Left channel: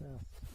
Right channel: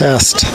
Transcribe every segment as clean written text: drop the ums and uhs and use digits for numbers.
test.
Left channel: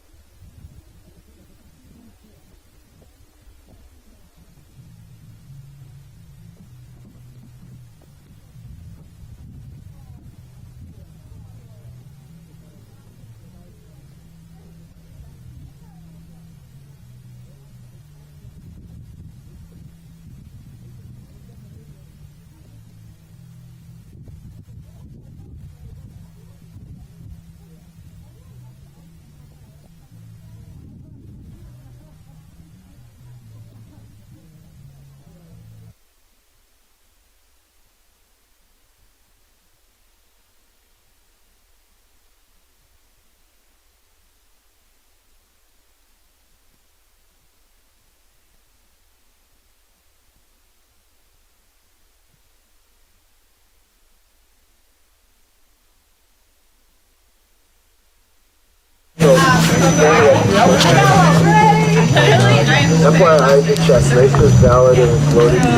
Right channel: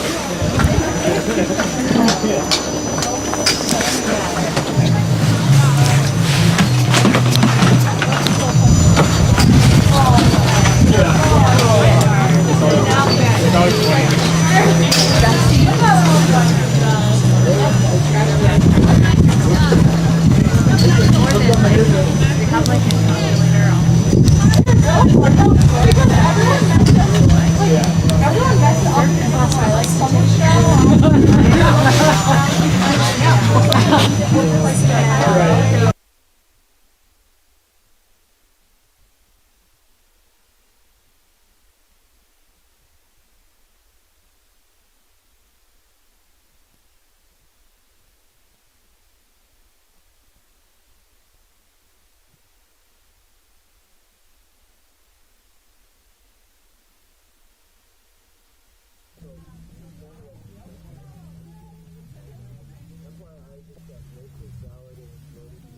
FYI, the check race is valid and it's loaded to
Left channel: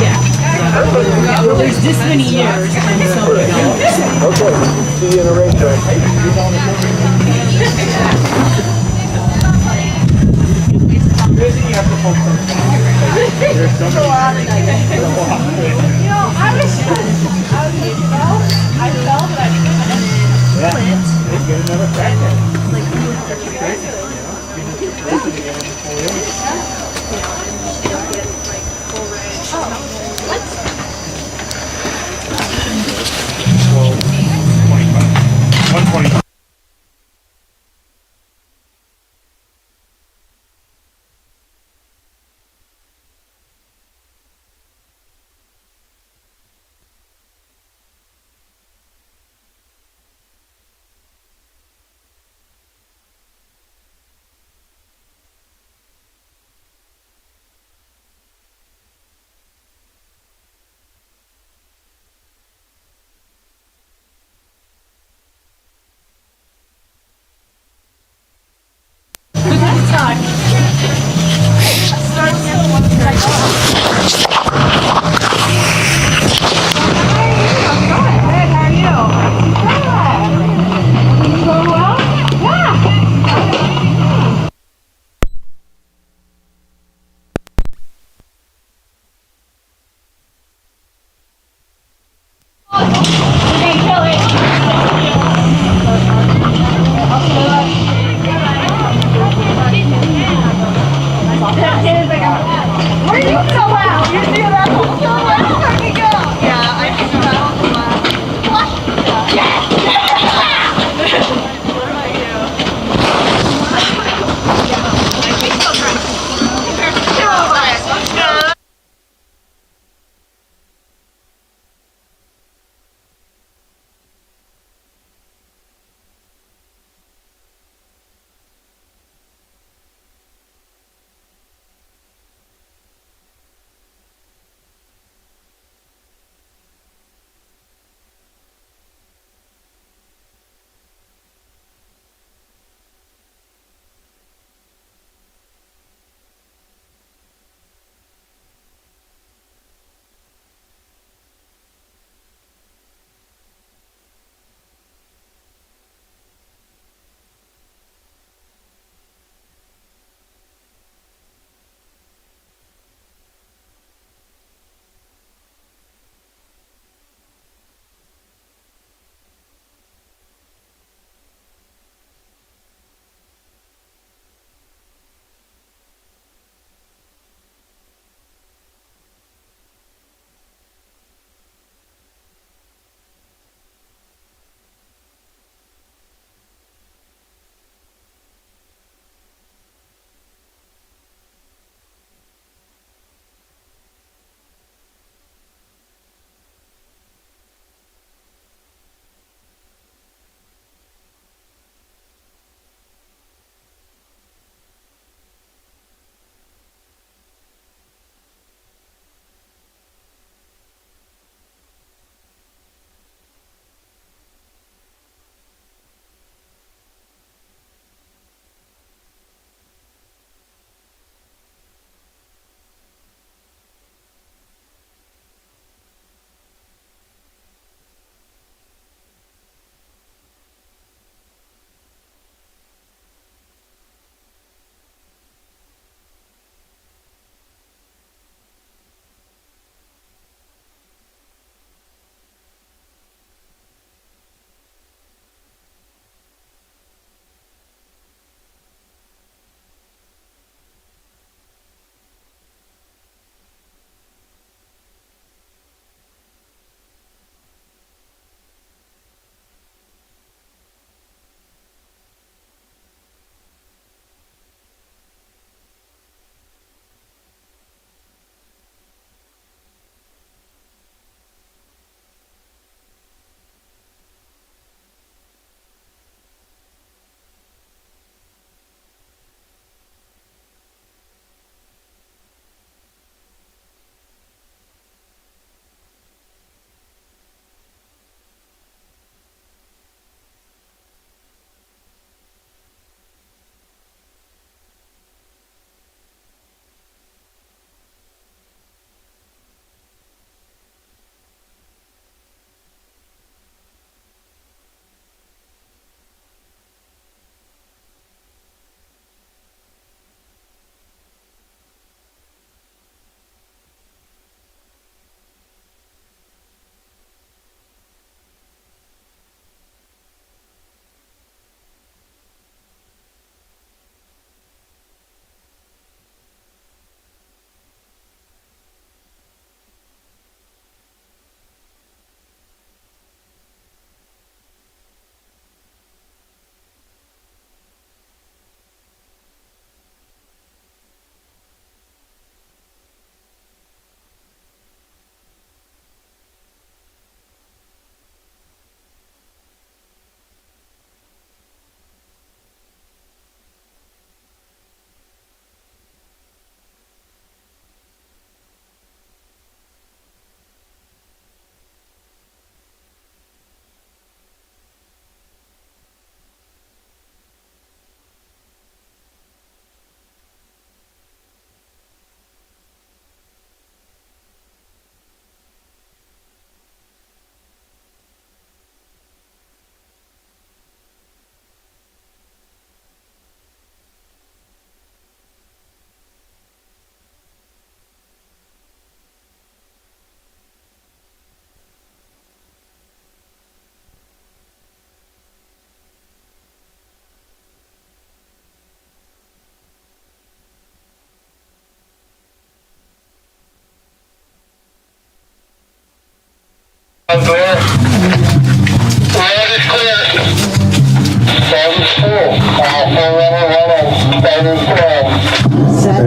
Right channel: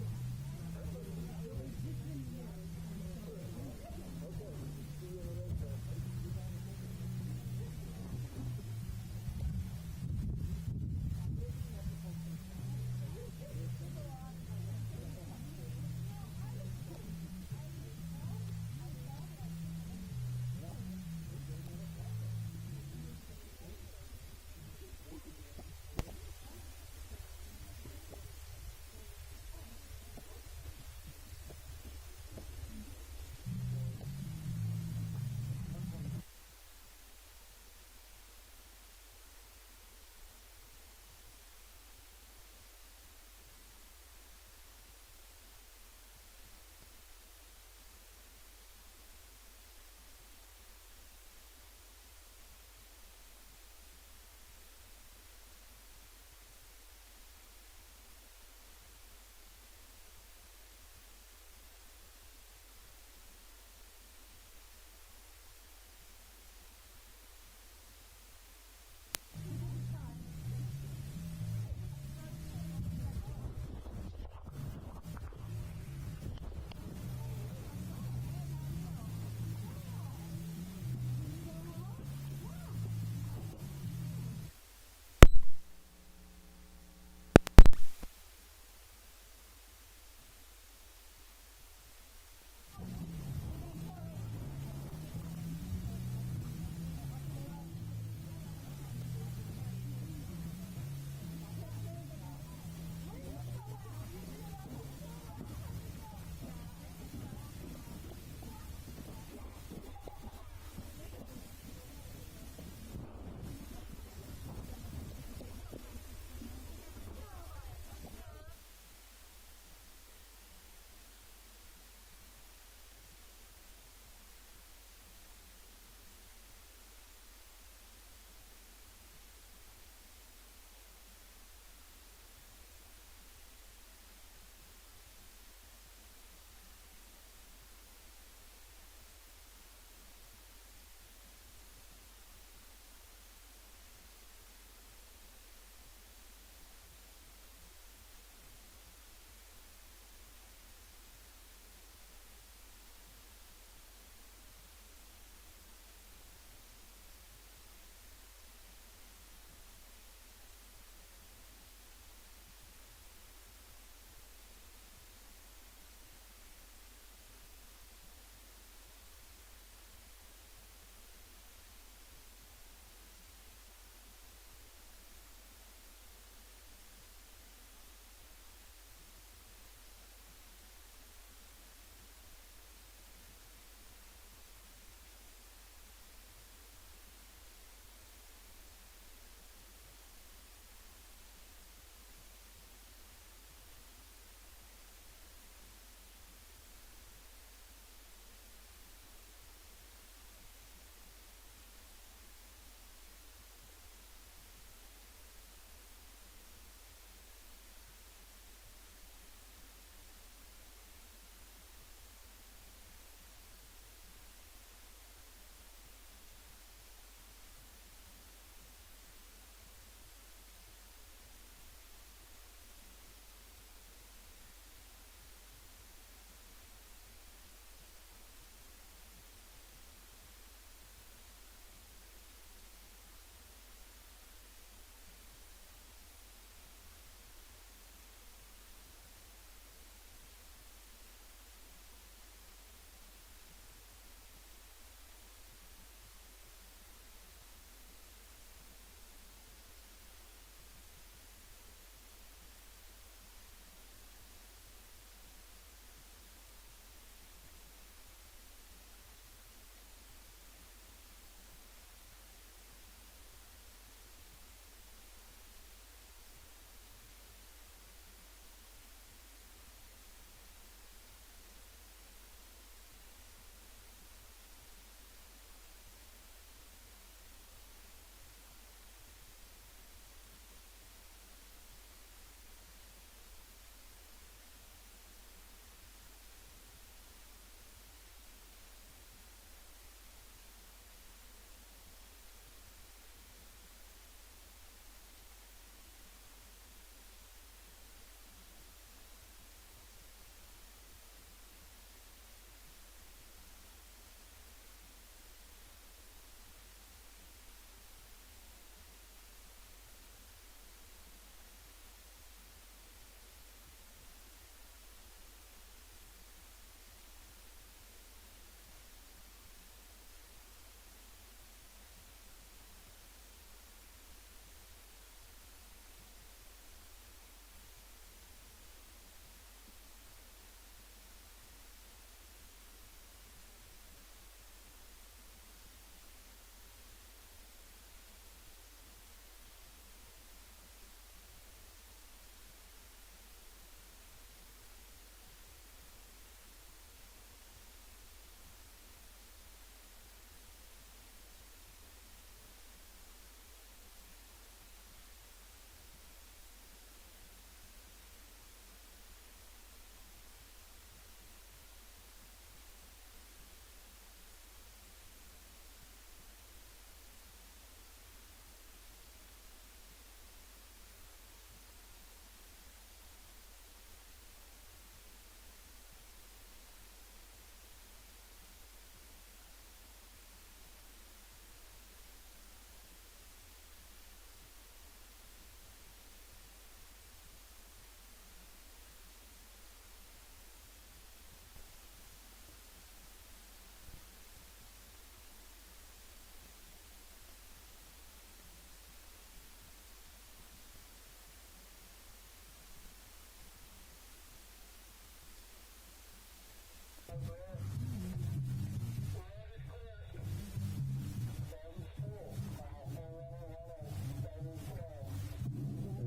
Yeah, well, there's this many years, and so Okay, see you in a race track.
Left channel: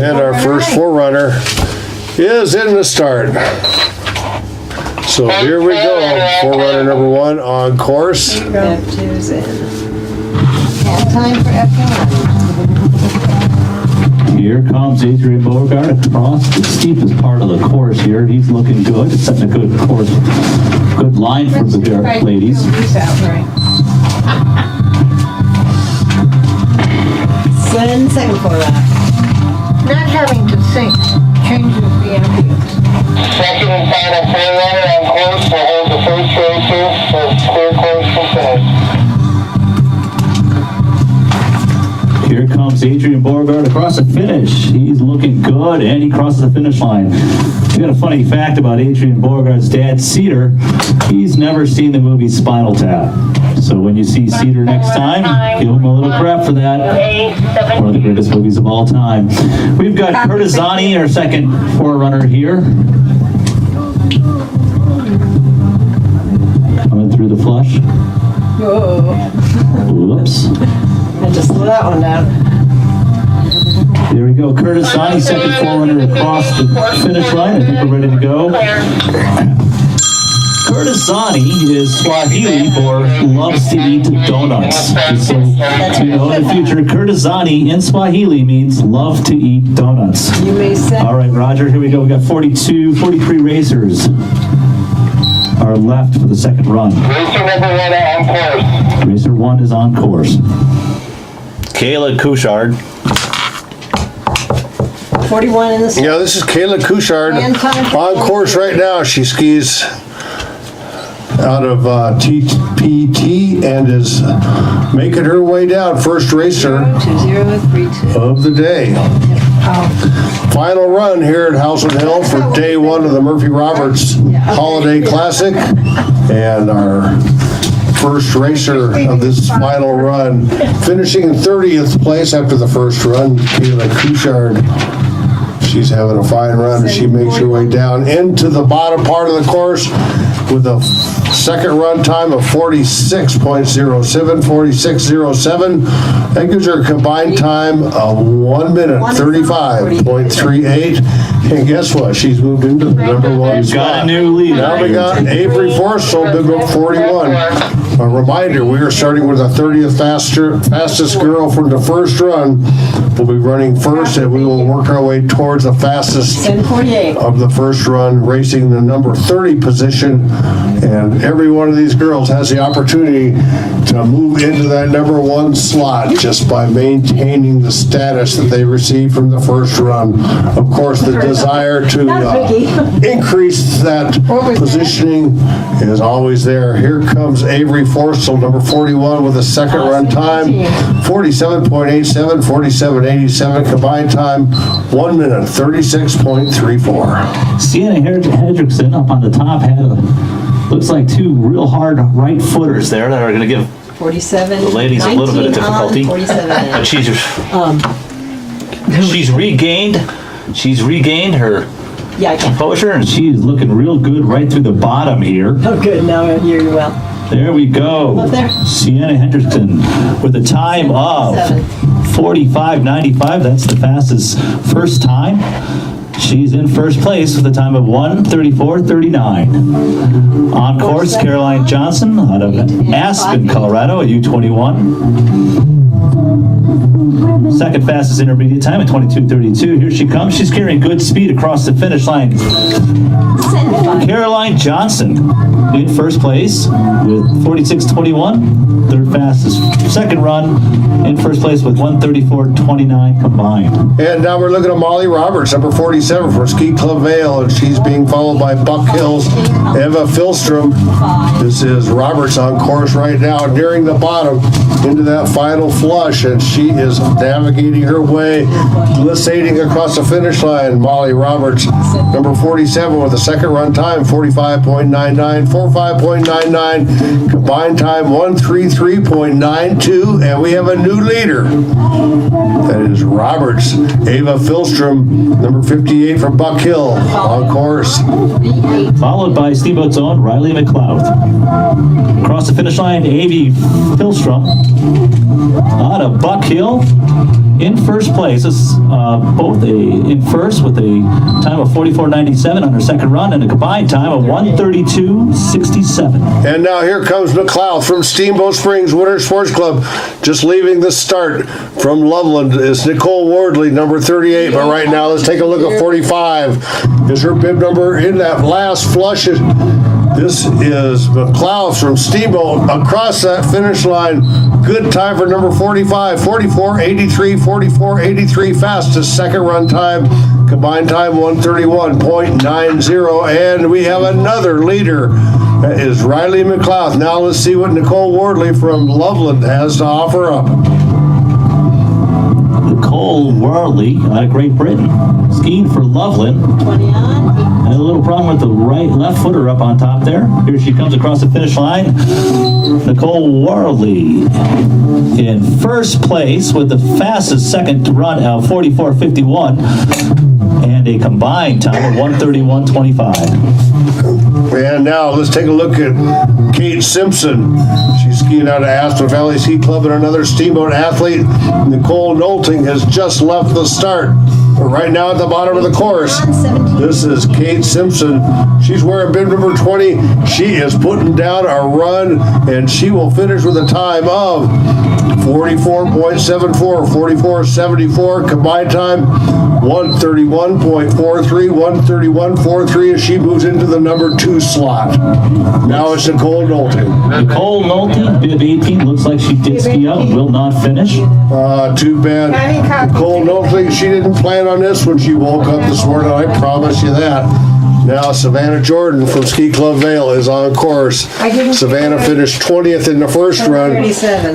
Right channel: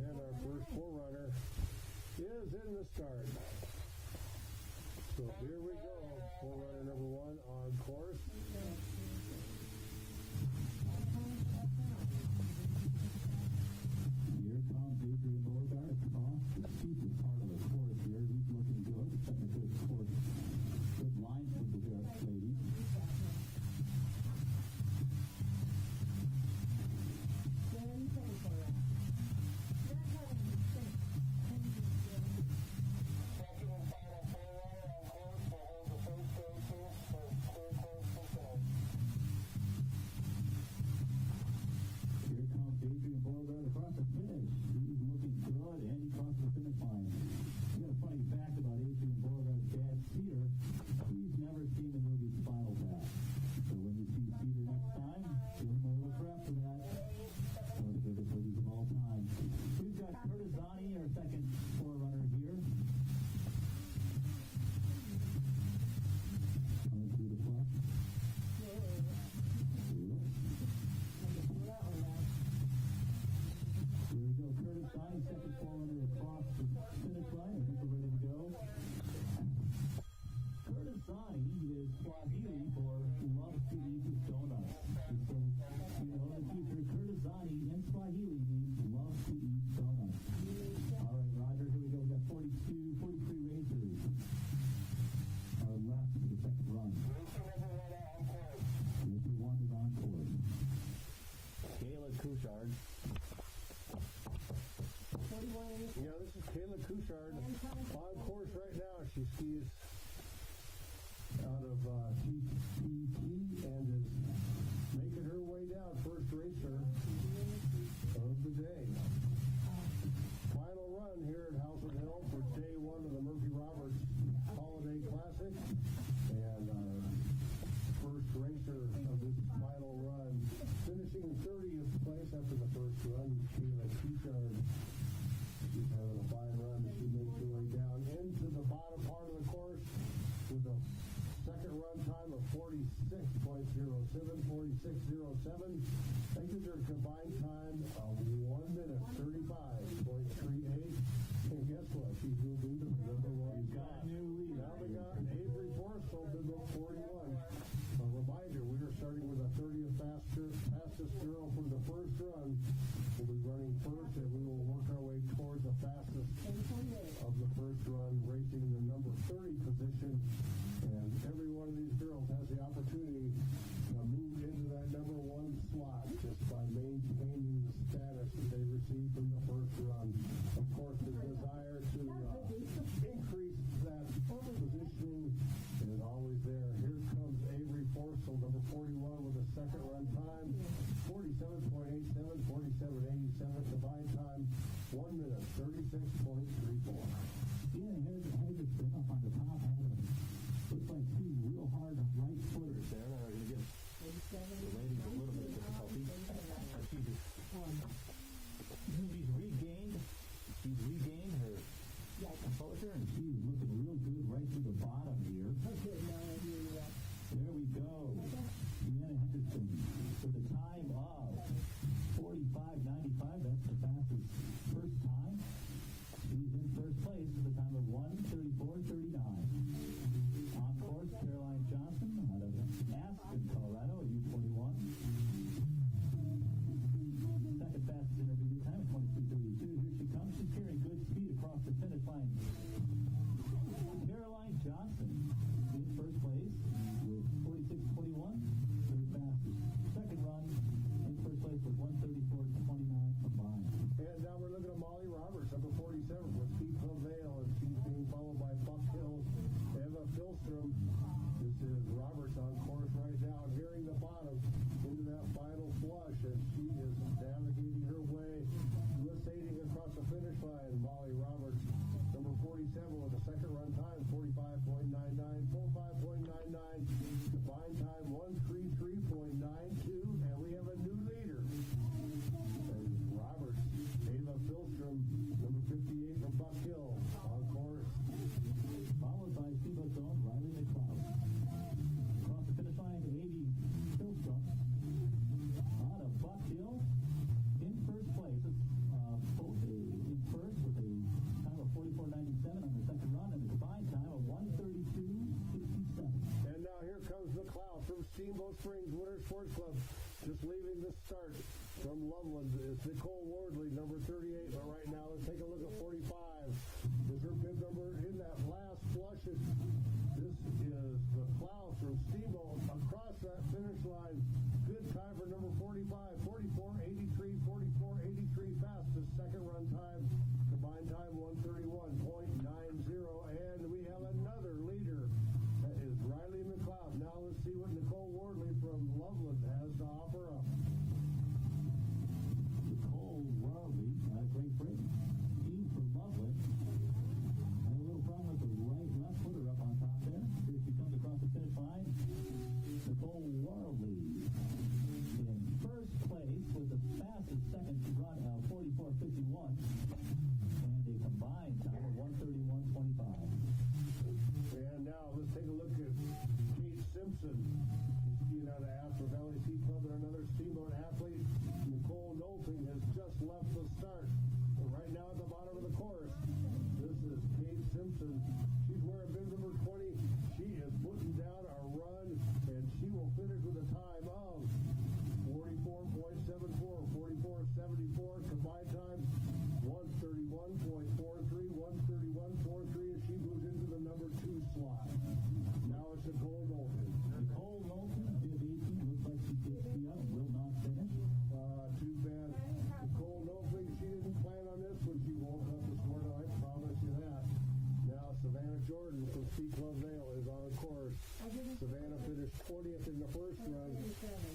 And our first forerunner is in the start. So here we go. Forerunner number 1 on course. F2's in. And time for F1. Here comes Adrian Beauregard across the steepest part of the course here. He's looking good. It's setting a good course, good line for the ladies. Send second for that. Not having to think changes the ambience. Second and final forerunner on course will hold the first racer for clear course from finish. Here comes Adrian Beauregard across the finish. He's looking good, and he crosses the finish line. We got a funny fact about Adrian Beauregard's dad, Cedar. He's never seen the movie Spinal Tap. So when you see Cedar next time, give him a little crap for that. One of the greatest movies of all time. We've got Curtisani, our second forerunner here. Coming through the flush. Whoa. Whoops. I just slow that one down. There we go. Curtisani, second forerunner across the finish line. I think we're ready to go. Curtisani is Swahili for loves to eat donuts. So, you know, in the future, Curtisani in Swahili means love to eat donuts. You may say. All right, Roger, here we go. We got 43 racers are left for the second run. Racer number 1 on course. Racer 1 is on course. Kayla Couchard. 41 in the start. Yeah, this is Kayla Couchard And time for on course right now. She skis out of TPT and is making her way down. First racer 2032. of the day. Final run here at Howelsen Hill for day 1 of the Murphy Roberts Holiday Classic. And our first racer of this final run, finishing in 30th place after the first run, Kayla Couchard. She's having a fine run as she makes her way down into the bottom part of the course with a second run time of 46.07. That gives her a combined time of 1 minute 35.38. And guess what? She's moved into the number 1 spot. Got a new leader. Now we got Avery Schaffler, big up 41. A reminder, we are starting with the 30th fastest girl from the first run. We'll be running first, and we will work our way towards the fastest 10:48. of the first run, racing the number 30 position. And every one of these girls has the opportunity to move into that number 1 slot just by maintaining the status that they received from the first run. Of course, the desire to increase that positioning is always there. Here comes Avery Schaffler, number 41, with a second run time, 47.87, 47.87, combined time, 1 minute, 36.34. Sienna Henderson up on the top had looks like 2 real hard right footers there that are going to give 47. the ladies a little bit of 19 on, difficulty. 47 But she's regained her Yeah, I can. composure, and she's looking real good right through the bottom here. Oh, good. Now I hear you well. There we go. Up there. Sienna Henderson with a time of 45.95. That's the fastest first time. She's in first place with a time of 1:34.39. On course, Caroline Johnson out of Aspen, Colorado, at U21. Second fastest intermediate time at 22:32. Here she comes. She's carrying good speed across the finish line. Caroline Johnson in first place with 46.21. Third fastest second run in first place with 1:34.29 combined. And now we're looking at Molly Roberts, number 47 from Ski Club Vale, and she's being followed by Buck Hills, Eva Filstrom. This is Roberts on course right now, nearing the bottom into that final flush, and she is navigating her way, glissading across the finish line. Molly Roberts, number 47, with a second run time, 45.99, 1:45.99. Combined time 1:33.92. And we have a new leader. That is Roberts. Ava Philstrom, number 58 from Buck Hill, on course. Followed by Steamboat's own Riley McLeod. Across the finish line, Avery Philstrom out of Buck Hill in first place. This is both in first with a time of 44.97 on her second run and a combined time of 1:32.67. And now here comes McLeod from Steamboat Springs Winter Sports Club. Just leaving the start from Loveland is Nicole Wardley, number 38. But right now, let's take a look at 45. Is her bib number in that last flush? This is McLeod from Steamboat across that finish line. Good time for number 45, 44.83, 44.83, fastest second run time. Combined time 1:31.90. And we have another leader. That is Riley McLeod. Now let's see what Nicole Wardley from Loveland has to offer up. Nicole Wardley out of Great Britain, skiing for Loveland. 20 on. Had a little problem with the left footer up on top there. Here she comes across the finish line. Nicole Wardley in first place with the fastest second run of 44.51 and a combined time of 1:31.25. And now let's take a look at Kate Simpson. She's skiing out of Aspen Valley Ski Club, and another Steamboat athlete, Nicole Knowlting, has just left the start. But right now at the bottom of the course, this is Kate Simpson. She's wearing bib number 20. She is putting down a run, and she will finish with a time of 44.74, 44.74. Combined time 1:31.43, 1:31.43 as she moves into the number 2 slot. Now it's Nicole Knowlting. Nicole Nolte, bib 18, looks like she did ski out, will not finish. Too bad. Nicole Knowlting, she didn't plan on this when she woke up this morning, I promise you that. Now Savannah Jordan from Ski Club Vale is on course. Savannah finished 20th in the first run.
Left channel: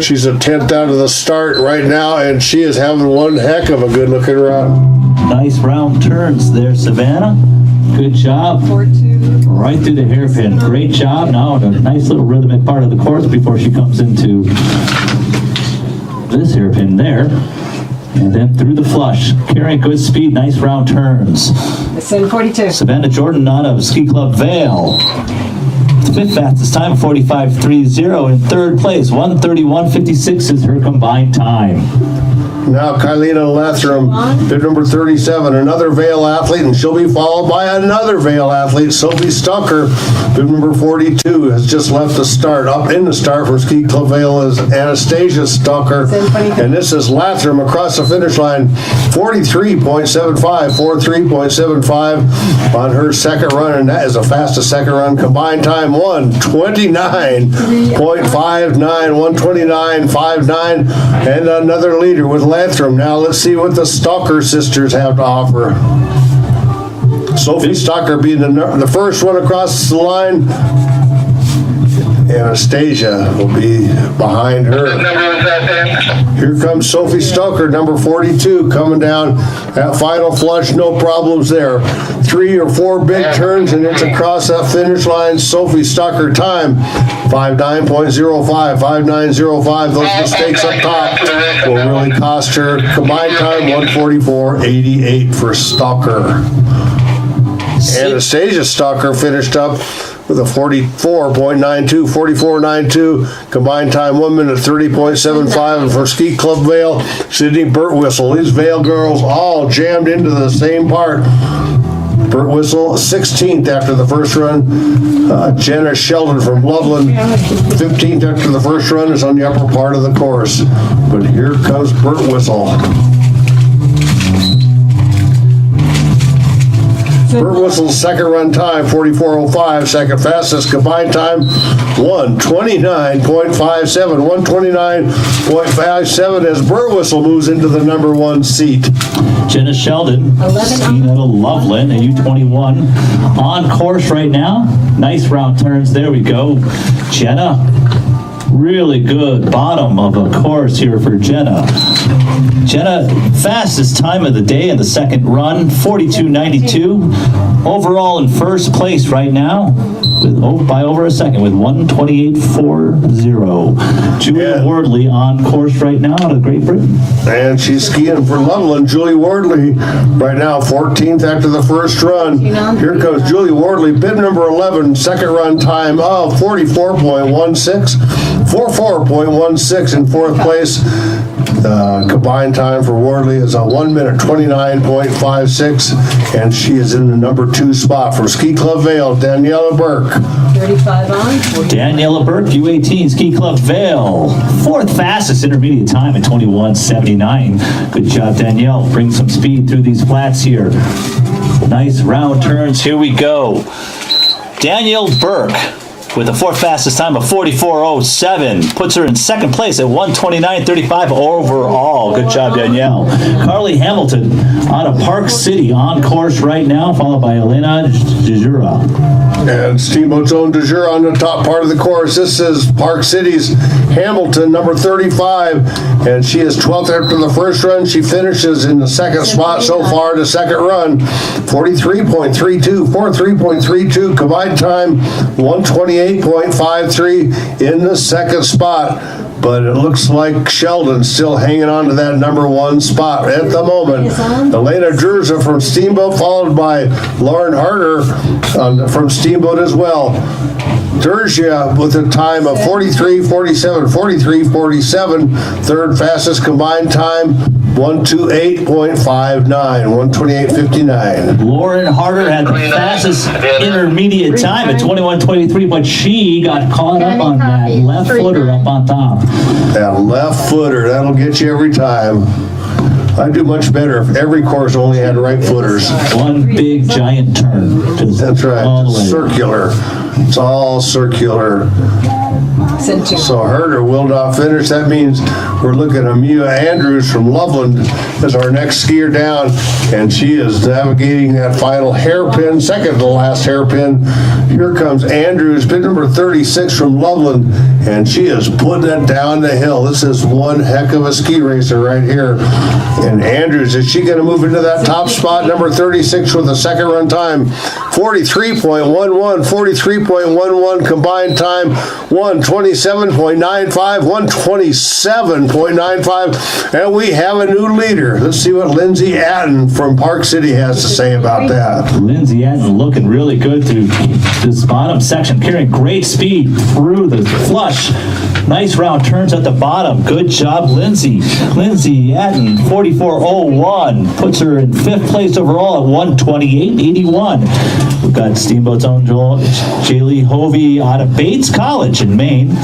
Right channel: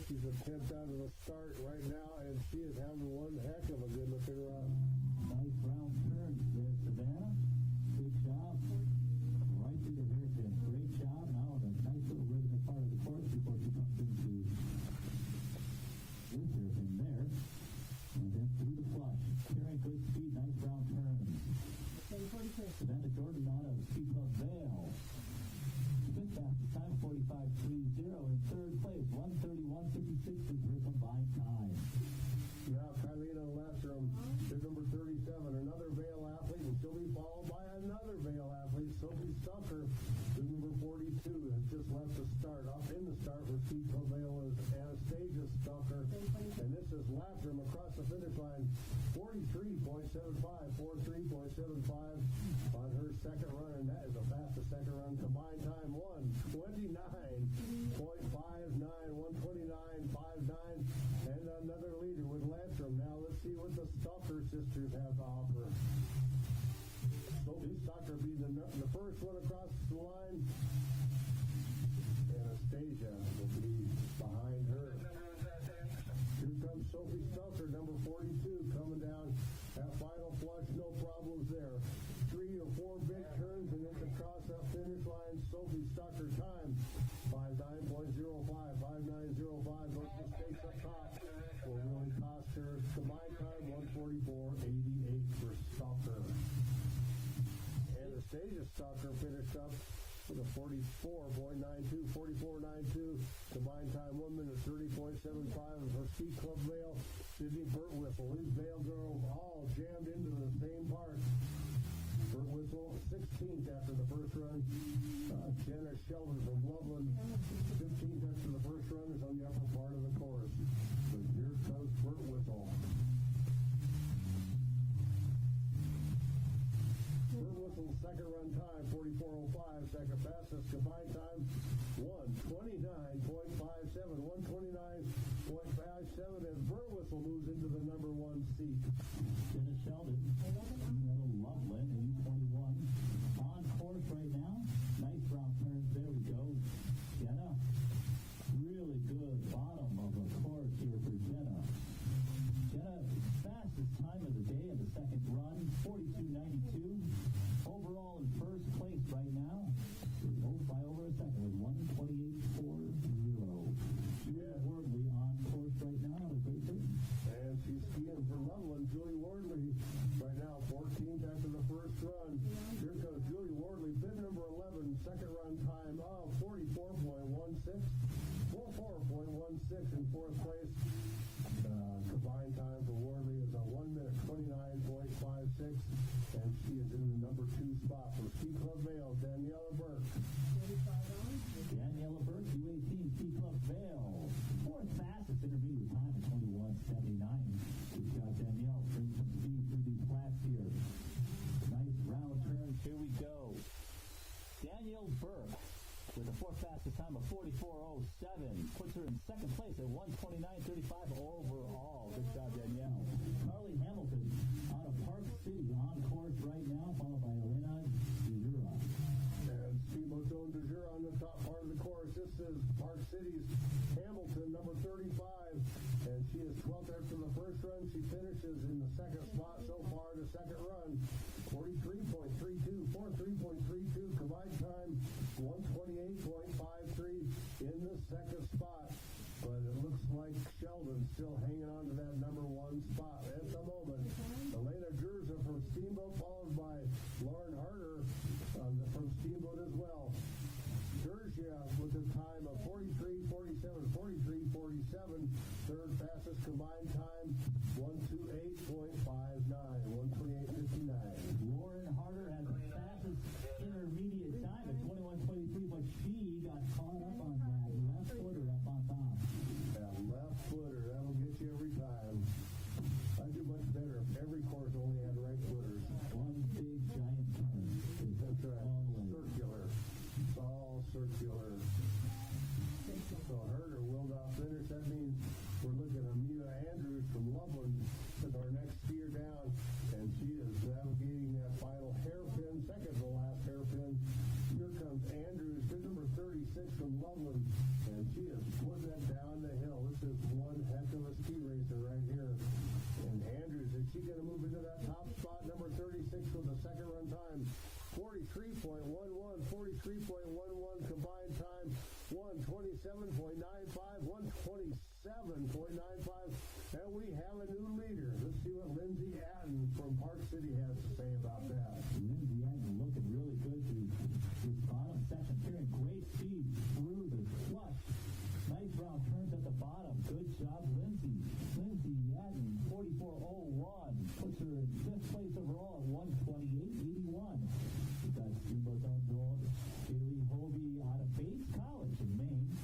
She's a 10th out of the start right now, and she is having one heck of a good-looking run. Nice round turns there, Savannah. Good job. Right through the hairpin. Great job. Now a nice little rhythmic part of the course before she comes into this hairpin there. And then through the flush. Carrying good speed. Nice round turns. 7:42. Savannah Jordan out of Ski Club Vale. Fifth fastest time, 45.30 in third place. 1:31.56 is her combined time. Now Kylena Lathram, bib number 37, another Vale athlete, and she'll be followed by another Vale athlete, Sophie Stucker, bib number 42, has just left the start. Up in the start from Ski Club Vale is Anastasia Stucker, and this is Lathram across the finish line, 43.75, 43.75 on her second run, and that is the fastest second run. Combined time 1:29.59, 1:29.59, and another leader with Lathram. Now let's see what the Stalker sisters have to offer. Sophie Stalker being the first one across the line. Anastasia will be behind her. Here comes Sophie Stalker, number 42, coming down that final flush. No problems there. 3 or 4 big turns, and it's across that finish line. Sophie Stalker time, 59.05, 59.05. Those mistakes up top will really cost her. Combined time, 1:44.88 for Stalker. Anastasia Stalker finished up with a 44.92, 44.92, combined time 1 minute 30.75, and for Ski Club Vale, Sydney Burtwhistle. These Vale girls all jammed into the same part. Burtwhistle 16th after the first run. Jenna Sheldon from Loveland, 15th after the first run, is on the upper part of the course. But here comes Burtwhistle. Burtwhistle's second run time, 44.05, second fastest. Combined time, 1:29.57, 1:29.57 as Burtwhistle moves into the number 1 seat. Jenna Sheldon, skiing out of Loveland, a U21, on course right now. Nice round turns. There we go. Jenna, really good bottom of a course here for Jenna. Jenna, fastest time of the day in the second run, 42.92. Overall in first place right now, by over a second, with 1:28.40. Julia Wardley on course right now out of Great Britain. And she's skiing for Loveland. Julie Wardley right now 14th after the first run. Here comes Julie Wardley, bib number 11, second run time of 44.16. 44.16 in fourth place. Combined time for Wardley is a 1 minute 29.56, and she is in the number 2 spot. From Ski Club Vale, Daniela Burke. 35 on. Daniela Burke, U18 Ski Club Vale. Fourth fastest intermediate time at 21:79. Good job, Danielle. Bring some speed through these flats here. Nice round turns. Here we go. Danielle Burke with the fourth fastest time of 44.07 puts her in second place at 1:29.35 overall. Good job, Danielle. Carly Hamilton out of Park City on course right now, followed by Elena Jejura. And Steamboat's own de jour on the top part of the course. This is Park City's Hamilton, number 35, and she is 12th after the first run. She finishes in the second spot so far, the second run, 43.32, combined time 128.53 in the second spot. But it looks like Sheldon's still hanging on to that number 1 spot at the moment. Elena Drurza from Steamboat, followed by Lauren Harder from Steamboat as well. Drurza with a time of 43.47, third fastest combined time, 128.59, 128.59. Lauren Harder had the fastest intermediate time at 21:23, but she got caught up on that left footer up on top. That left footer, that'll get you every time. I'd do much better if every course only had right footers. One big giant turn. That's right, it's circular. It's all circular. So Herder will not finish. That means we're looking at Mia Andrews from Loveland as our next skier down, and she is navigating that final hairpin, second to last hairpin. Here comes Andrews, pin number 36 from Loveland, and she is putting it down the hill. This is one heck of a ski racer right here. And Andrews, is she going to move into that top spot, number 36 with a second run time? 43.11 combined time, 127.95, 127.95, and we have a new leader. Let's see what Lindsay Atten from Park City has to say about that. Lindsay Atten looking really good through this bottom section, carrying great speed through the flush. Nice round turns at the bottom. Good job, Lindsay. Lindsay Atten, 44.01, puts her in fifth place overall at 128.81. We've got Steamboat's own Jaylee Hovey out of Bates College in Maine.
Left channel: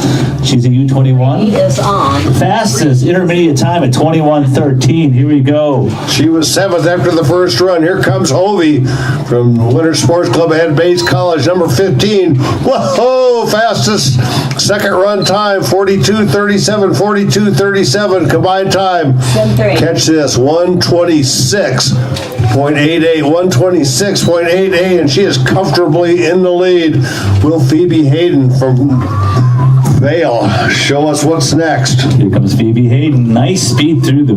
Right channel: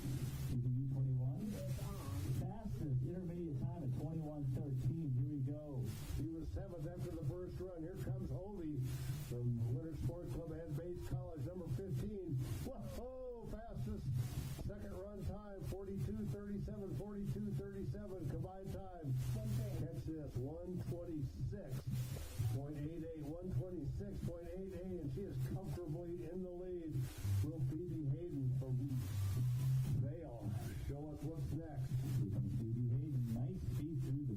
She's a U21. He is on. Fastest intermediate time at 21:13. Here we go. She was 7th after the first run. Here comes Hovey from Winter Sports Club at Bates College, number 15. Whoa, fastest second run time, 42.37, combined time. Catch this, 126.88, and she is comfortably in the lead. Will Phoebe Hayden from Vale show us what's next? Here comes Phoebe Hayden. Nice speed through the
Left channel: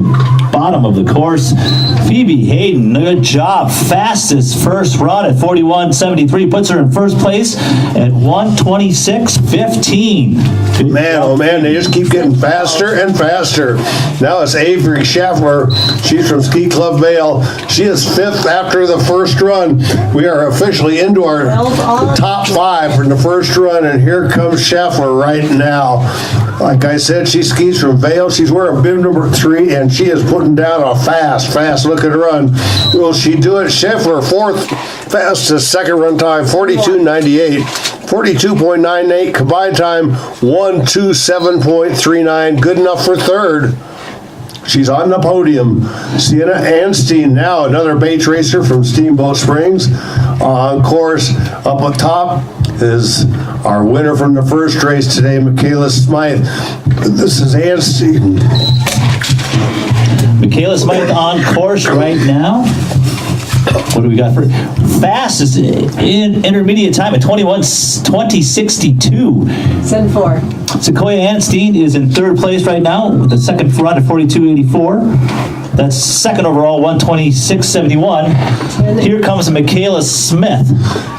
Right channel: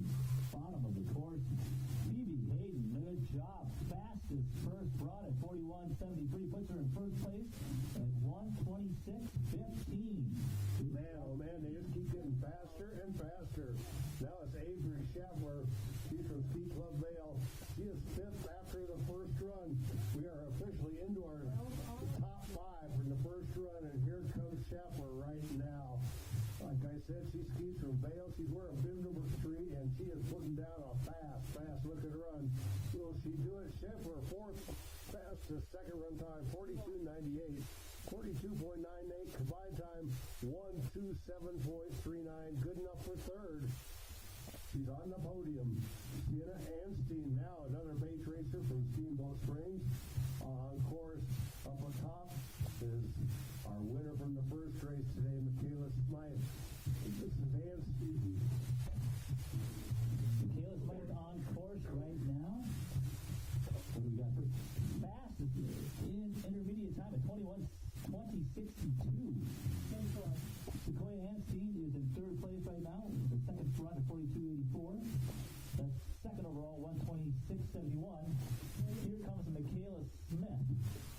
bottom of the course. Phoebe Hayden, good job. Fastest first run at 41.73. Puts her in first place at 126.15. Man, oh man, they just keep getting faster and faster. Now it's Avery Schaffler. She's from Ski Club Vale. She is 5th after the first run. We are officially into our top 5 from the first run, and here comes Schaffler right now. Like I said, she skis from Vale. She's wearing bib number 3, and she is putting down a fast looking run. Will she do it? Schaffler, 4th fastest second run time, 42.98. 42.98 combined time, 127.39. Good enough for third. She's on the podium. Sienna Henderson, now another Bates racer from Steamboat Springs. On course, up on top is our winner from the first race today, Michaela Smythe. This is Henderson. Michaela Smythe on course right now. What do we got for fastest in intermediate time at 20.62? 7-4. Sequoia Anstein is in third place right now with the second run at 42.84. That's second overall, 126.71. Here comes Michaela Smith.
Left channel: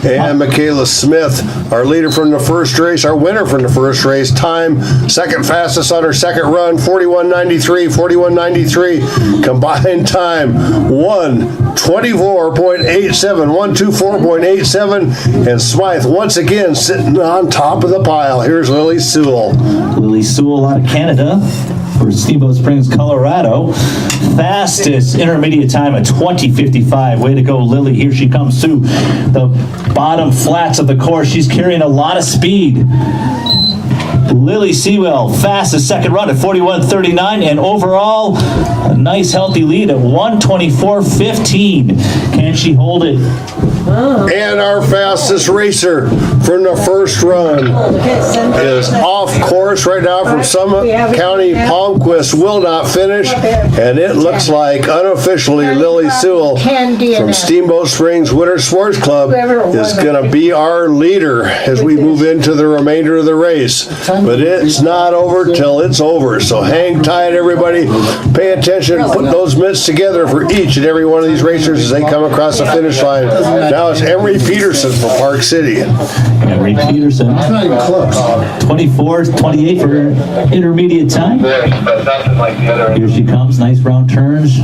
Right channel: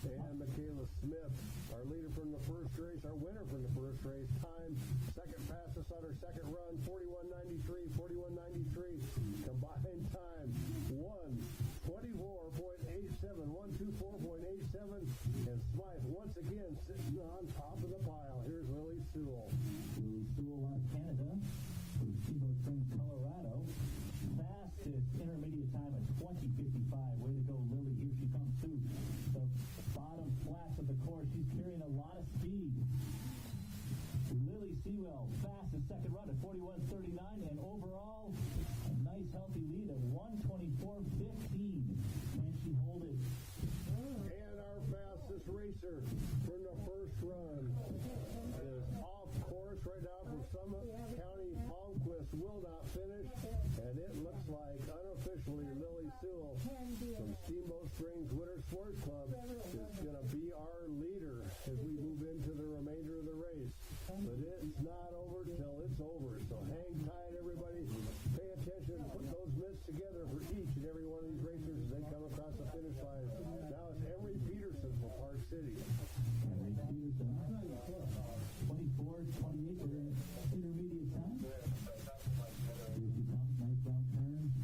And Michaela Smith, our leader from the first race, our winner from the first race. Time, second fastest on her second run, 41.93, 41.93. Combined time, 124.87, 124.87. And Smythe once again sitting on top of the pile. Here's Lily Sewell. Lily Sewell out of Canada for Steamboat Springs, Colorado. Fastest intermediate time at 20:55. Way to go, Lily. Here she comes through the bottom flats of the course. She's carrying a lot of speed. Lily Sewell, fastest second run at 41.39, and overall, a nice healthy lead at 124.15. Can she hold it? And our fastest racer from the first run is off course right now from Summit County. Palmquist will not finish, and it looks like unofficially Lily Sewell from Steamboat Springs Winter Sports Club is going to be our leader as we move into the remainder of the race. But it's not over till it's over, so hang tight, everybody. Pay attention, put those mitts together for each and every one of these racers as they come across the finish line. Now it's Emery Peterson from Park City. Emery Peterson, 24.28 for intermediate time. Here she comes, nice round turns.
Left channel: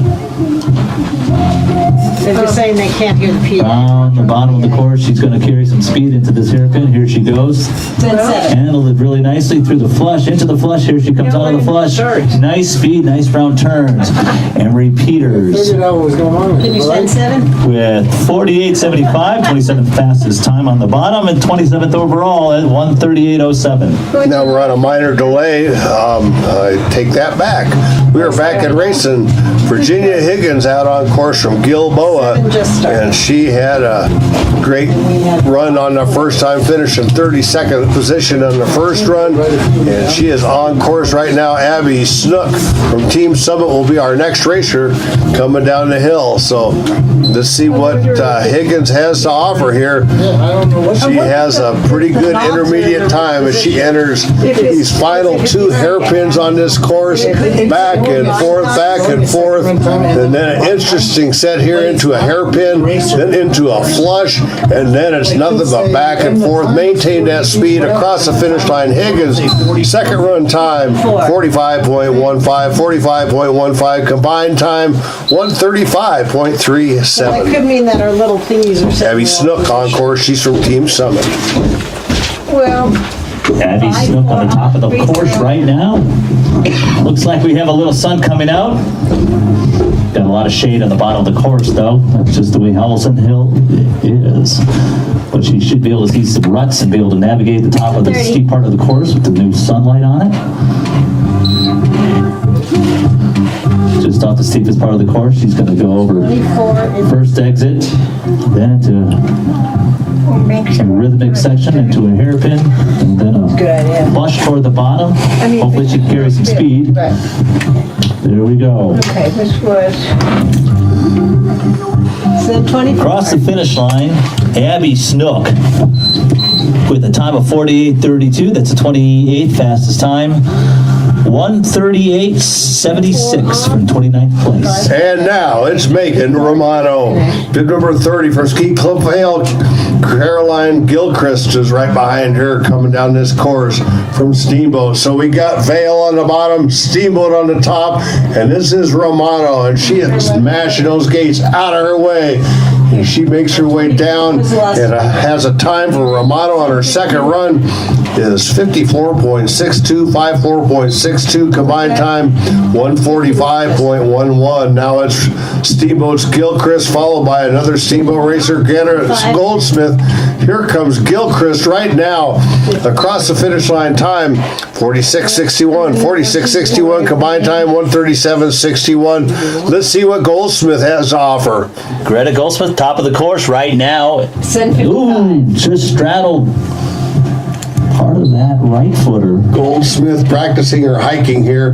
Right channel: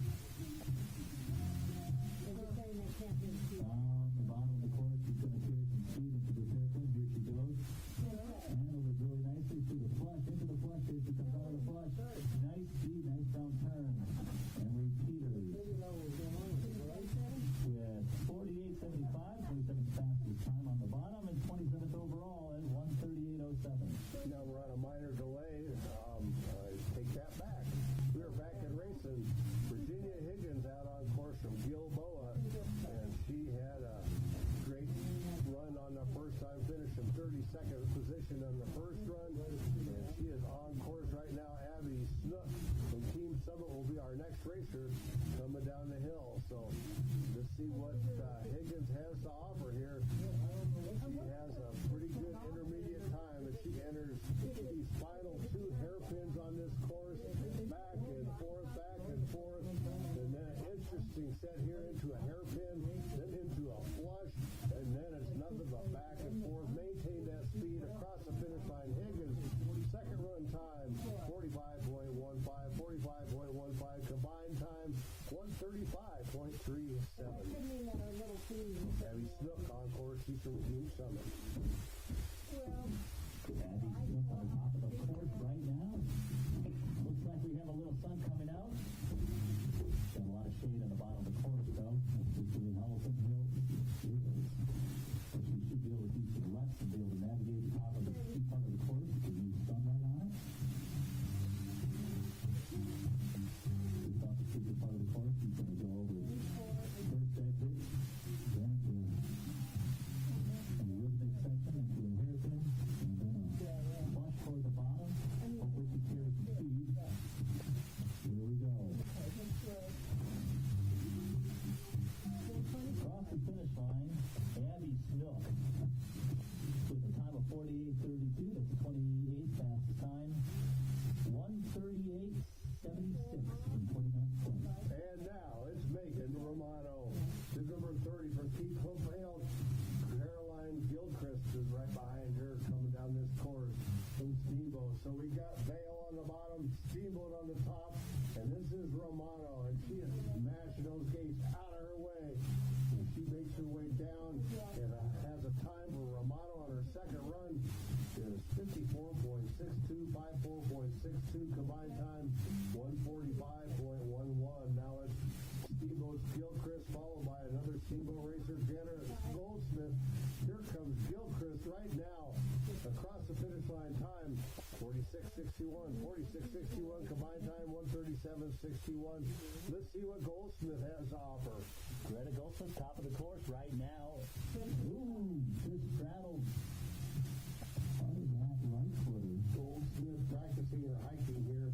They're just saying they can't hear the P. Down the bottom of the course, she's going to carry some speed into this hairpin. Here she goes. Handled it really nicely through the flush, into the flush. Here she comes out of the flush. Nice speed, nice round turns. Emery Peters Can you send 7? with 48.75, 27th fastest time on the bottom, and 27th overall at 138.07. Now we're on a minor delay. I take that back. We are back at racing. Virginia Higgins out on course from Gilboa, and she had a great run on the first time, finishing 32nd position on the first run, and she is on course right now. Abby Snook from Team Summit will be our next racer coming down the hill. So let's see what Higgins has to offer here. She has a pretty good intermediate time as she enters these final 2 hairpins on this course, back and forth, and then an interesting set here into a hairpin, then into a flush, and then it's nothing but back and forth. Maintain that speed across the finish line. Higgins, second run time, 45.15, combined time, 135.37. That could mean that our little thingies are setting Abby Snook on course. She's from Team Summit. Well, Abby Snook on the top of the course right now. Looks like we have a little sun coming out. Got a lot of shade on the bottom of the course, though. That's just the way Howelsen Hill is. But she should be able to see some ruts and be able to navigate the top of the steep part of the course with the new sunlight on it. Just off the steepest part of the course, she's going to go over first exit, then into a rhythmic section, into a hairpin, and then a flush toward the bottom. Hopefully she can carry some speed. There we go. okay, this was 7:20. Across the finish line, Abby Snook with a time of 48.32. That's the 28th fastest time. 138.76 from 29th place. And now it's Megan Romano. Bib number 30 from Ski Club Vale. Caroline Gilchrist is right behind her coming down this course from Steamboat. So we got Vale on the bottom, Steamboat on the top, and this is Romano, and she is smashing those gates out of her way. And she makes her way down and has a time for Romano on her second run is 54.62, 54.62 combined time, 145.11. Now it's Steamboat's Gilchrist, followed by another Steamboat racer, Garrett Goldsmith. Here comes Gilchrist right now across the finish line. Time 46.61, 46.61 combined time, 137.61. Let's see what Goldsmith has to offer. Greta Goldsmith, top of the course right now. Ooh, just straddled part of that that right footer. Goldsmith practicing her hiking here.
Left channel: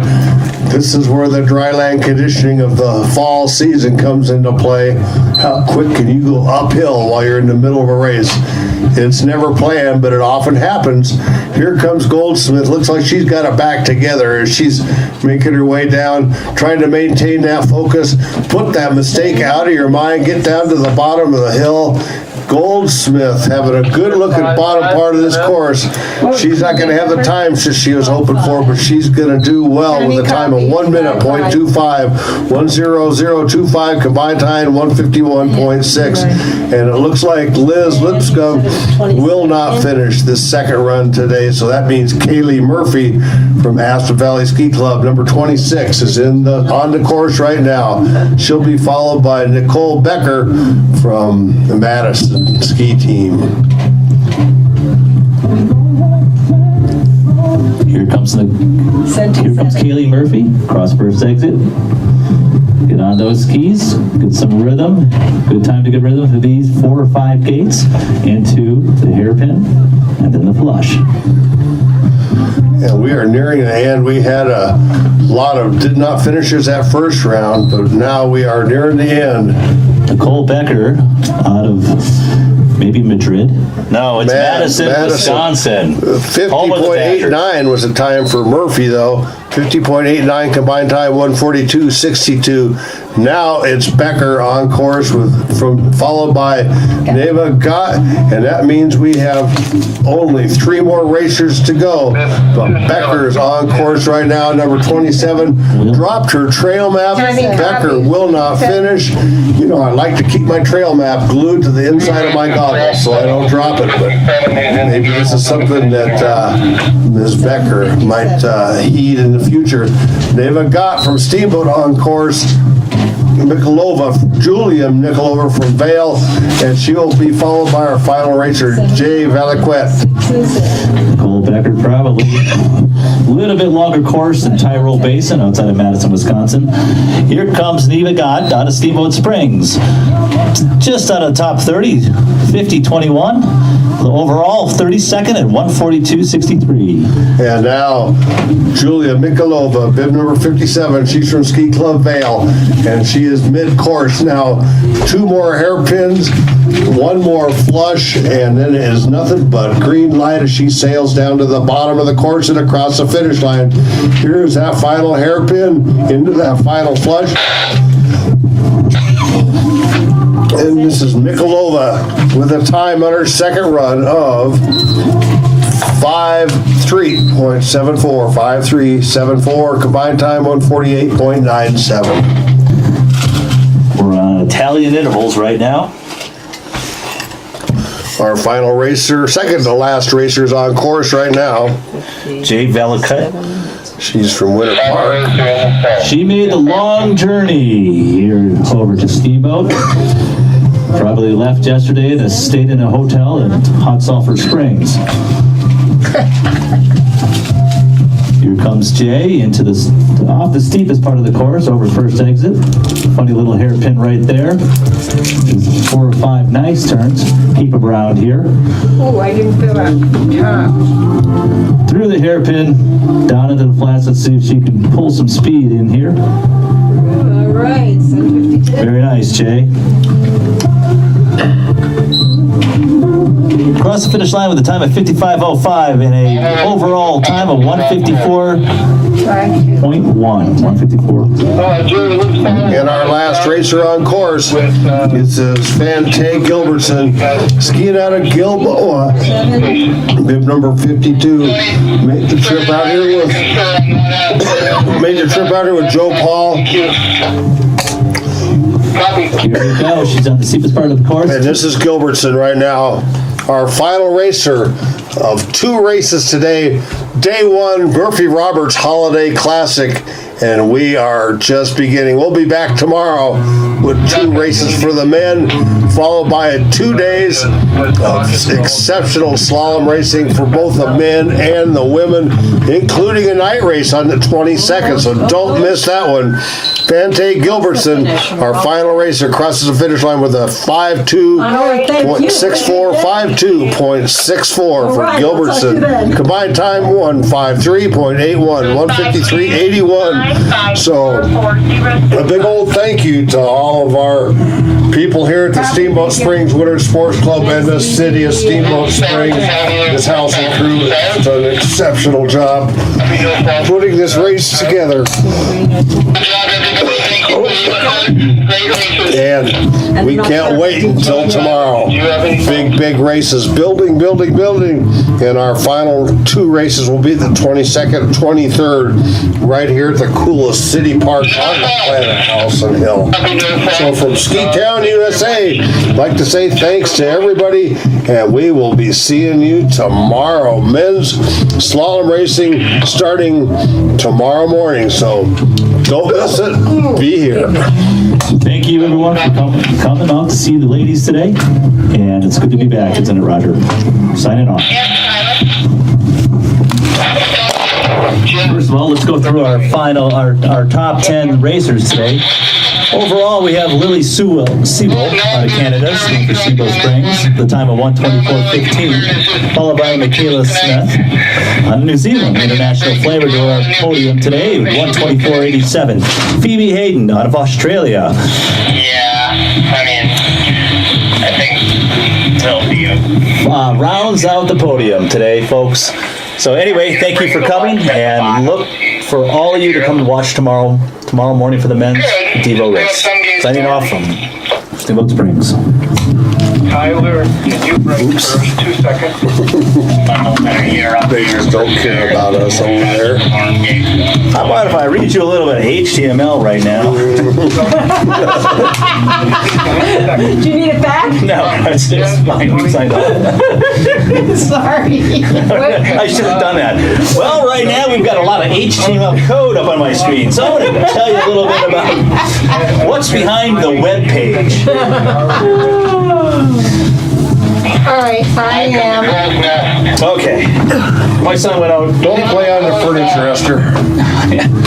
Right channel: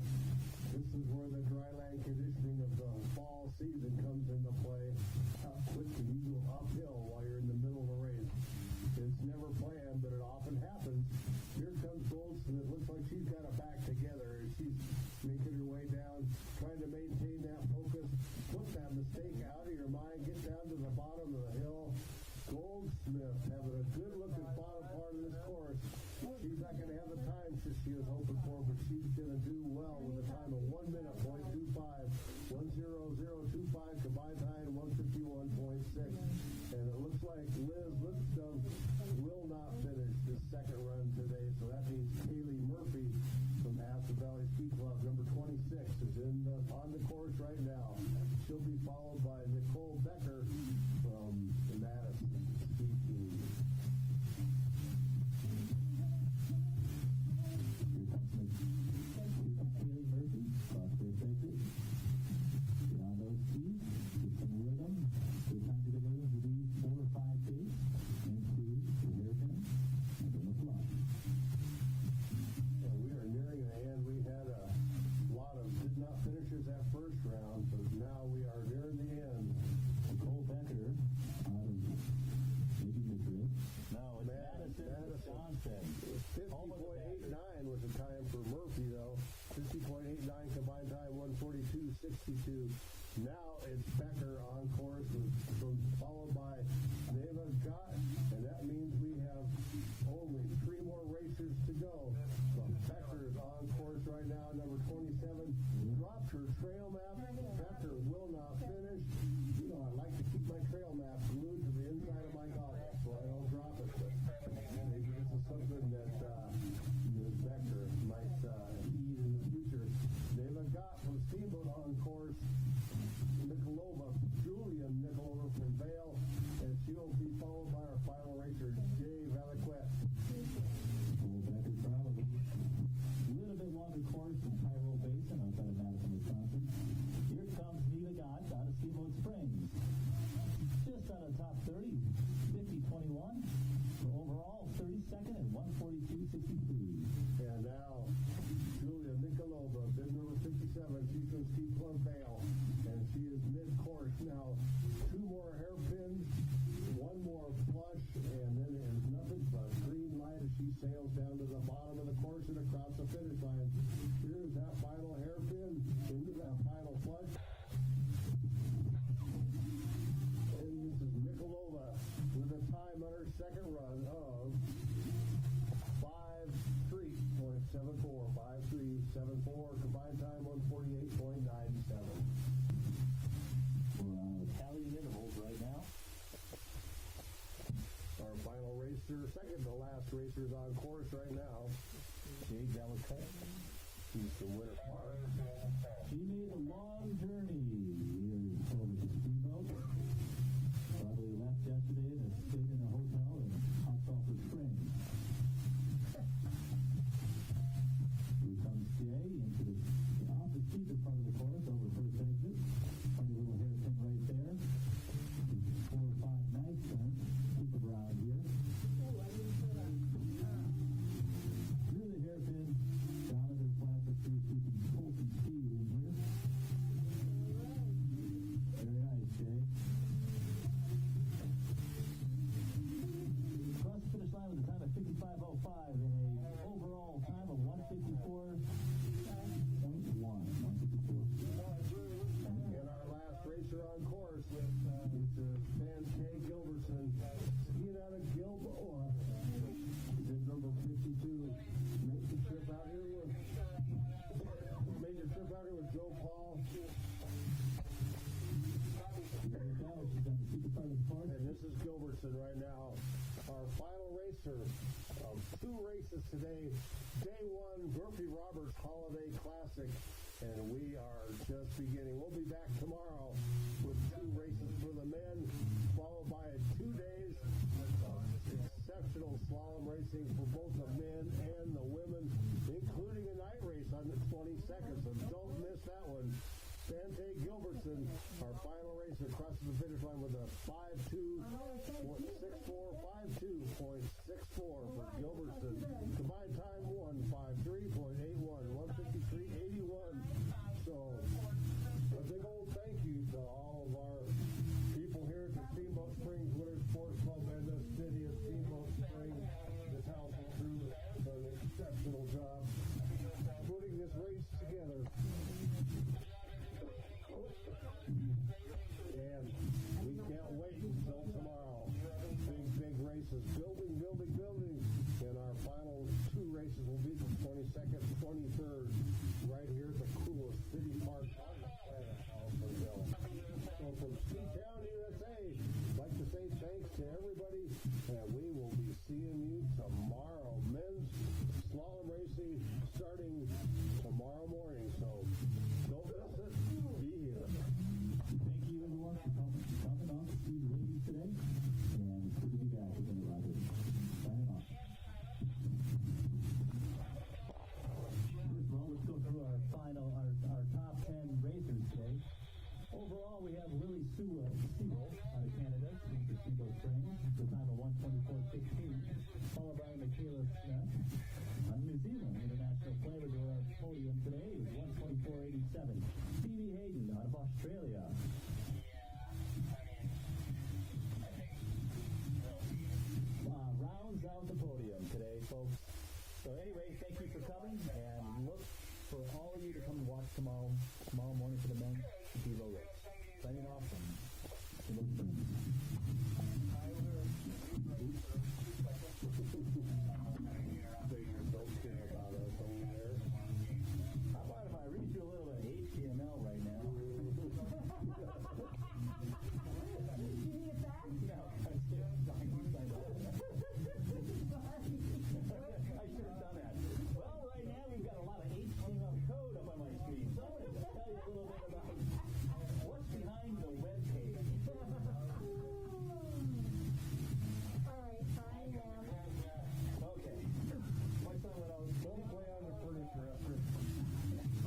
This is where the dryland conditioning of the fall season comes into play. How quick can you go uphill while you're in the middle of a race? It's never planned, but it often happens. Here comes Goldsmith. Looks like she's got it back together as she's making her way down, trying to maintain that focus, put that mistake out of your mind, get down to the bottom of the hill. Goldsmith having a good look at bottom part of this course. She's not going to have the time she was hoping for, but she's going to do well with a time of 1 minute, .25, 1:00:25 combined time, 1:51.6. And it looks like Liz Lipscomb will not finish this second run today, so that means Kaylee Murphy from Aspen Valley Ski Club, number 26, is on the course right now. She'll be followed by Nicole Becker from the Madison ski team. Here comes Kaylee Murphy, cross first exit. Get on those skis, get some rhythm. Good time to get rhythm to these 4 or 5 gates into the hairpin and then the flush. And we are nearing the end. We had a lot of did not finishers that first round, but now we are nearing the end. Nicole Becker out of maybe Madrid. No, it's Madison, Wisconsin. Home of the Badgers. 50.89 was the time for Murphy, though. 50.89 combined time, 1:42.62. Now it's Becker on course followed by Neva Gott, and that means we have only 3 more racers to go. But Becker's on course right now, number 27. Dropped her trail map. Becker will not finish. You know, I like to keep my trail map glued to the inside of my goggles so I don't drop it. But maybe this is something that Ms. Becker might heed in the future. Neva Gott from Steamboat on course. Mikkelova, Julia Mikkelova from Vail, and she will be followed by our final racer, Jay Valiquette. Nicole Becker probably a little bit longer course than Tyrol Basin outside of Madison, Wisconsin. Here comes Neva Gott out of Steamboat Springs. Just out of the top 30, 50.21. The overall 32nd at 1:42.63. And now, Julia Mikkelova, bib number 57. She's from Ski Club Vail, and she is mid-course now. 2 more hairpins, 1 more flush, and then it is nothing but green light as she sails down to the bottom of the course and across the finish line. Here's that final hairpin into that final flush. And this is Mikkelova with a time on her second run of 5:3.74. 5:3.74, combined time 1:48.97. We're on Italian intervals right now. Our final racer, second to last racer, is on course right now. Jay Valiquette. She's from Winter Park. She made the long journey here over to Steamboat. Probably left yesterday and stayed in a hotel in Hot Sulphur Springs. Here comes Jay into off the steepest part of the course, over first exit. Funny little hairpin right there. There's 4 or 5 nice turns. Keep them around here. Oh, I didn't feel that top. Through the hairpin, down into the flats. Let's see if she can pull some speed in here. All right, 7:52. Very nice, Jay. Across the finish line with a time of 55.05 and a overall time of 154.1. 154. And our last racer on course is Svante Gilbertson, skiing out of Gilboa. Bib number 52. Made the trip out here with Joe Paul. Here we go. She's on the steepest part of the course. And this is Gilbertson right now. Our final racer of 2 races today. Day 1, Murphy Roberts Holiday Classic. and we are just beginning. We'll be back tomorrow with 2 races for the men, followed by 2 days of exceptional slalom racing for both the men and the women, including a night race on the 22nd, so don't miss that one. Fante Gilbertson, our final racer, crosses the finish line with a 5.2.64, 5.2.64 for Gilbertson. Combined time 1:53.81, 1:53.81. So a big old thank you to all of our people here at the Steamboat Springs Winter Sports Club and the city of Steamboat Springs. This Howelsen crew has done an exceptional job putting this race together. And we can't wait until tomorrow. Big races, building. And our final 2 races will be the 22nd, 23rd, right here at the coolest city park on the planet, Howelsen Hill. So from Ski Town, USA, I'd like to say thanks to everybody, and we will be seeing you tomorrow. Men's slalom racing starting tomorrow morning, so don't miss it. Be here. Thank you, everyone, for coming out to see the ladies today. And it's good to be back, isn't it, Roger? Signing off. First of all, let's go through our top 10 racers today. Overall, we have Lily Sewell out of Canada, skiing for Steamboat Springs, the time of 1:24.15, followed by Michaela Smith out of New Zealand, international flavor to our podium today, 1:24.87. Phoebe Hayden out of Australia. I think it'll be a Rounds out the podium today, folks. So anyway, thank you for coming, and look for all of you to come and watch tomorrow morning for the men's Devo race. Signing off from Steamboat Springs. Tyler, did you break the first 2 seconds? They just don't care about us over there. How about if I read you a little bit of HTML right now? Do you need it back? No, it's fine. We signed off. Sorry. I should have done that. Well, right now we've got a lot of HTML code up on my screen, so I'm going to tell you a little bit about what's behind the web page. All right, I am. Okay. My son went out. Don't play on the furniture, Esther.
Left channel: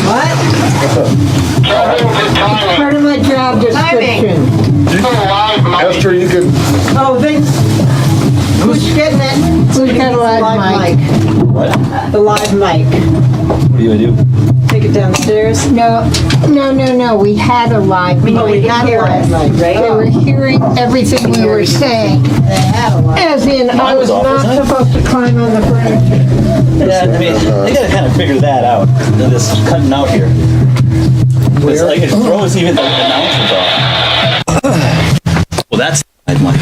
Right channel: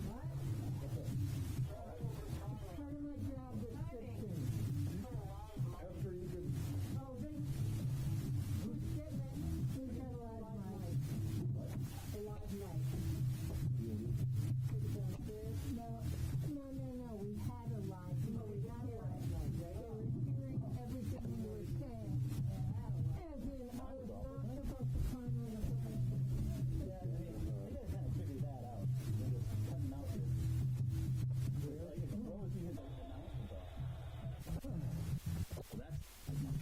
What? Part of my job description. Esther, you can. Oh, who's getting it? Who's got a live mic? What? The live mic. What are you going to do? Take it downstairs? No. We had a live mic. We had a live mic, right? They were hearing everything we were saying. As in, I was not supposed to climb on the furniture. Yeah, I mean, they got to kind of figure that out. This cutting out here. It's like it throws even the announcers off. Well, that's I'd like.